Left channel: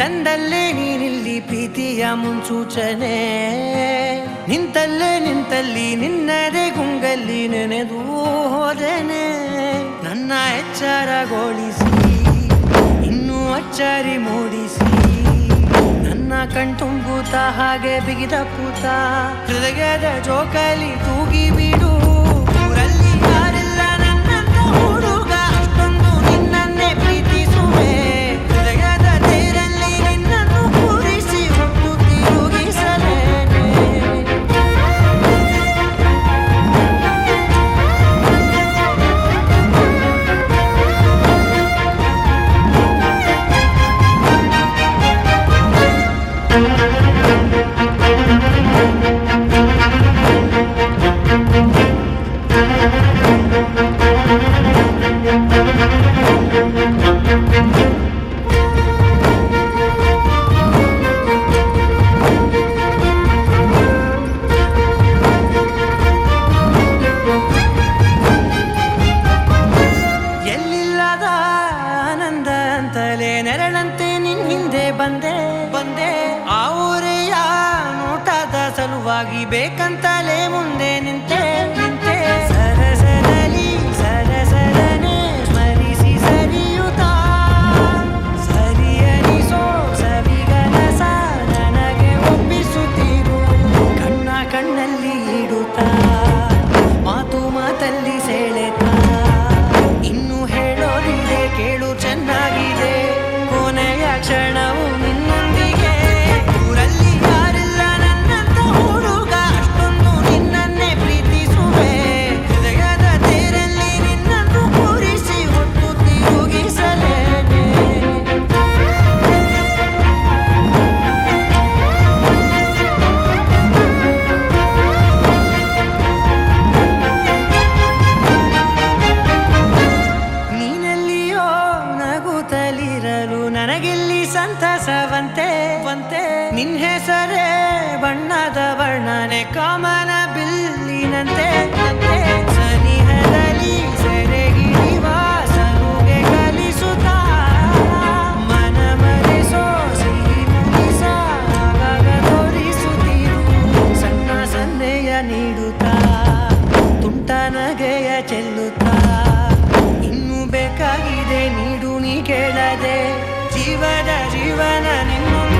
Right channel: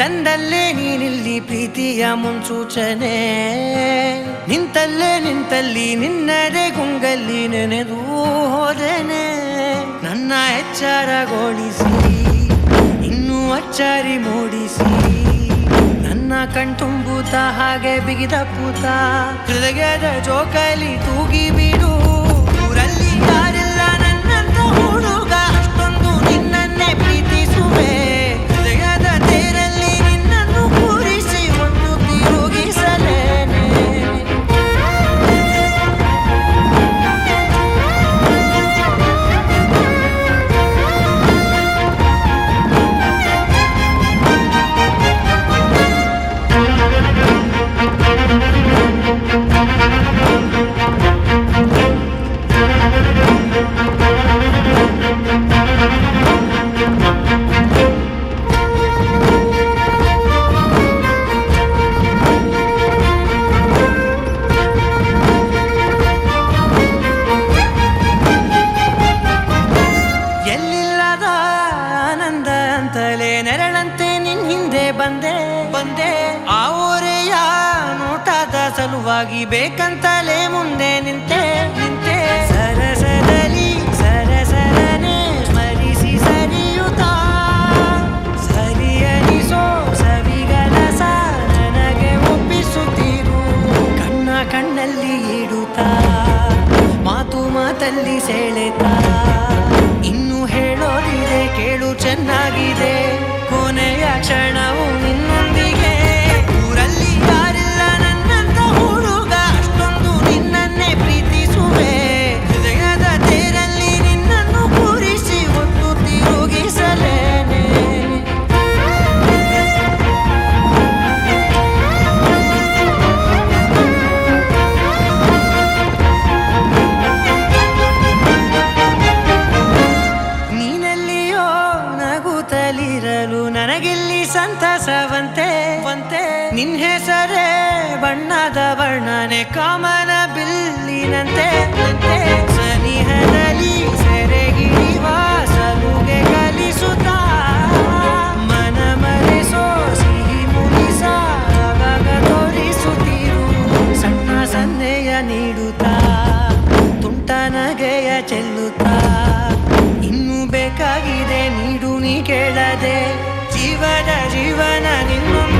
ತಂದಲ್ಲೇ ನೀನಿಲ್ಲಿ ಪ್ರೀತಿಯ ಮುನ್ಸೂಚನೆ. ನಿಂತಲ್ಲಿ ನಿನ್ನದೇ ಗುಂಗಲ್ಲಿ ನೆನೆದು ಹೋದೆನೆ. ನನ್ನ ಎಚ್ಚರಗೊಳಿಸಿ ಇನ್ನೂ ಅಚ್ಚರಿ ಮೂಡಿಸಿ ನನ್ನ ಕಣ್ತುಂಬುತ್ತ ಹಾಗೆ ಬಿಗಿದ ಪೂತ. ಹೃದಯದ ಜೋಕಾಲಿ ತೂಗಿ ಬಿಡು, ಊರಲ್ಲಿ ಯಾರಿಲ್ಲ ನನ್ನಂತ ಹುಡುಗ. ಅಷ್ಟೊಂದು ನಿನ್ನನ್ನೇ ಪ್ರೀತಿಸುವೆ, ಹೃದಯದ ತೇರಲ್ಲಿ ನಿನ್ನನ್ನು ಕೂರಿಸಿ ಹೊತ್ತು ತಿರುಗಿಸಲೇನೆ. ಎಲ್ಲಿಲ್ಲದ ಆನಂದ ಅಂತಲೇ ನೆರಳಂತೆ ನಿನ್ ಹಿಂದೆ ಬಂದೆ. ಆ ಊರೆಯ ನೋಟದ ಸಲುವಾಗಿ ಬೇಕಂತಲೇ ಮುಂದೆ ನಿಂತೆ. ಸರಸದಲ್ಲಿ ಸರಸರನೆ ಸ್ಮರಿಸಿ ಸರಿಯುತ್ತಾ ಸರಿಯನಿಸೋ ಸವಿಗನಸ ನನಗೆ ಒಪ್ಪಿಸುತ್ತೀರು. ಕಣ್ಣಲ್ಲಿ ಇಡುತ್ತಾ ಮಾತಲ್ಲಿ ಸೆಳೆತಾ. ಇನ್ನು ಹೇಳೋದಿದೆ ಕೇಳು ಚೆನ್ನಾಗಿದೆ, ಕೊನೆಯ ಕ್ಷಣವು ನಿನ್ನೊಂದಿಗೆ. ಊರಲ್ಲಿ ಯಾರಿಲ್ಲ ನನ್ನಂತ ಹುಡುಗ, ಅಷ್ಟೊಂದು ನಿನ್ನನ್ನೇ ಪ್ರೀತಿಸುವೆ. ಹೃದಯದ ತೇರಲ್ಲಿ ನಿನ್ನನ್ನು ಕೂರಿಸಿ ಹೊತ್ತು ತಿರುಗಿಸಲೇನೆ. ನೀನೆಲ್ಲಿಯೋ ನಗುತ್ತಲಿರಲು ನನಗಿಲ್ಲಿ ಸಂತಸವಂತೆ. ನಿನ್ ಹೆಸರೇ ಬಣ್ಣದ ವರ್ಣನೆ ಕಾಮನ ಬಿಲ್ಲಿನಂತೆ. ಸನಿಹದಲ್ಲಿ ಸೆರೆ ಹಿಡಿಯುವ ಸಲುಗೆ ಕಲಿಸುತ್ತಾ ಮನ ಮರೆಸೋ ಸಿಹಿ ಮುನಿಸ ಆಗಾಗ ತೋರಿಸುತ್ತೀರು. ಸಣ್ಣ ಸನ್ನೆಯ ನೀಡುತ್ತಾ ತುಂಟ ನಗೆಯ ಚೆಲ್ಲುತ್ತಾ. ಇನ್ನು ಬೇಕಾಗಿದೆ ನೀಡು ನೀ ಕೇಳದೆ, ಜೀವನ ನಿನ್ನೊಂದು